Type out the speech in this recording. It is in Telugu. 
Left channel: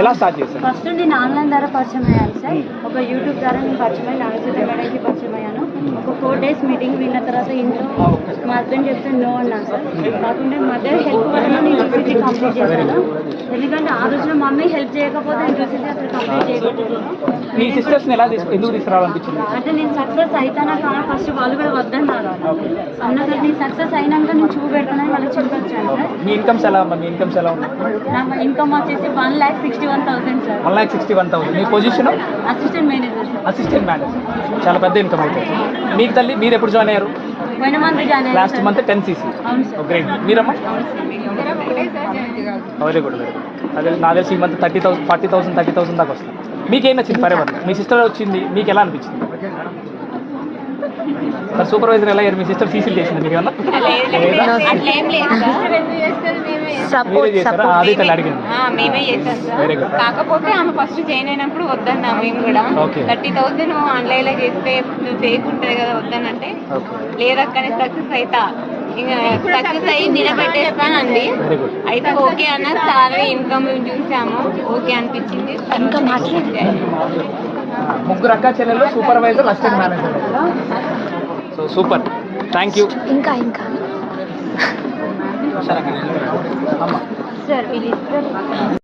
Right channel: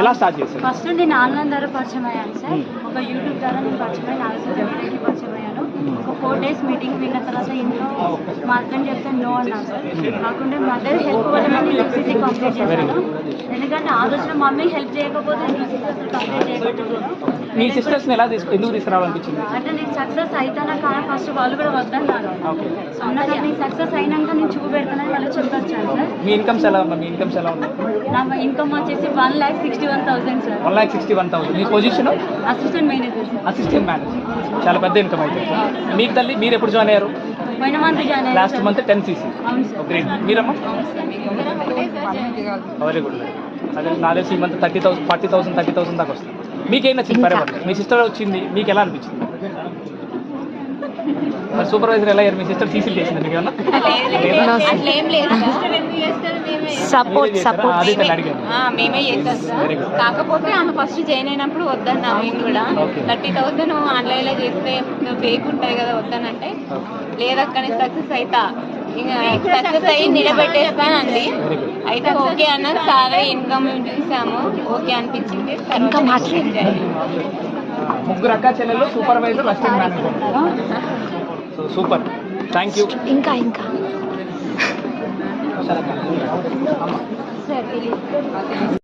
ఎలా స్టార్ట్ చేశారు? ఫస్ట్ నేను ఆన్లైన్ ద్వారా పరిచయం అయ్యాను సార్. ఒక యూట్యూబ్ ద్వారా నేను పరిచయం అయ్యాను, నాగేశ్వర పరిచయం అయ్యాను. ఒక 4 days మీటింగ్ విన్న తర్వాత ఇంట్లో మా హస్బెండ్ చెప్తే నో అన్నారు సార్. కాకుండా మదర్ హెల్ప్ చేయడానికి యూనివర్సిటీ కంప్లీట్ చేశాను. ఎందుకంటే ఆ రోజులో మమ్మీ హెల్ప్ చేయకపోతే యూనివర్సిటీ అసలు కంప్లీట్ చేయబట్లేదు. మీ సిస్టర్స్ని ఎలా ఎందుకు తీసుకురావాలనిపించింది? అంటే నేను సక్సెస్ అవుతానా కానీ ఫస్ట్ వాళ్ళు కూడా వద్దన్నారు. అన్నాక నేను సక్సెస్ అయినాక నేను చూపెడతానని వాళ్ళకి చెప్పొచ్చాను సార్. మీ ఇన్కమ్స్ ఎలా ఉంది? నా ఇన్కమ్ వచ్చేసి 1,61,000 సార్. 1,61,000. మీ position? Assistant manager sir. Assistant manager. చాలా పెద్ద ఇన్కమ్ అవుతుంది. మీకు తల్లి మీరు ఎప్పుడు జాయిన్ అయ్యారు? పోయిన మంత్ జాయిన్ అయ్యాను. Last month 10 cc. అవును సార్. గ్రేట్. మీరమ్మా? అవును సార్. ఇద్దరం ఒకటే సార్ జాయిన్ అయ్యాం. Very good. అదే నాకు తెలిసి ఈ మంత్ 30,000 40,000 30,000 దాకా వస్తుంది. మీకేం నచ్చింది? ఫరెవర్ మీ సిస్టర్ వచ్చింది, మీకు ఎలా అనిపించింది? సూపర్వైజర్ ఎలా అయ్యారు? మీ సిస్టర్ సీసీలు చేసింది మీకు ఏమన్నా? సపోర్ట్ అడిగాను. మేమే చేస్తాం సార్. కాకపోతే ఆమె ఫస్ట్ జాయిన్ అయినప్పుడు వద్దన్నా మేము కూడా 30,000 ఆన్లైన్ లో చేస్తే ఫేక్ ఉంటుంది కదా వద్దనంటే లేదక్కనే సక్సెస్ అవుతా ఇంకా సక్సెస్ అయ్యి నిలబెట్టేస్తానండి. అయితే ఓకే అన్న చాలా ఇన్కమ్ చూసాము, ఓకే అనిపించింది. ముగ్గురు అక్క చెల్లెలు, supervisor, assistant manager. So super. Thank you. ఇంకా సార్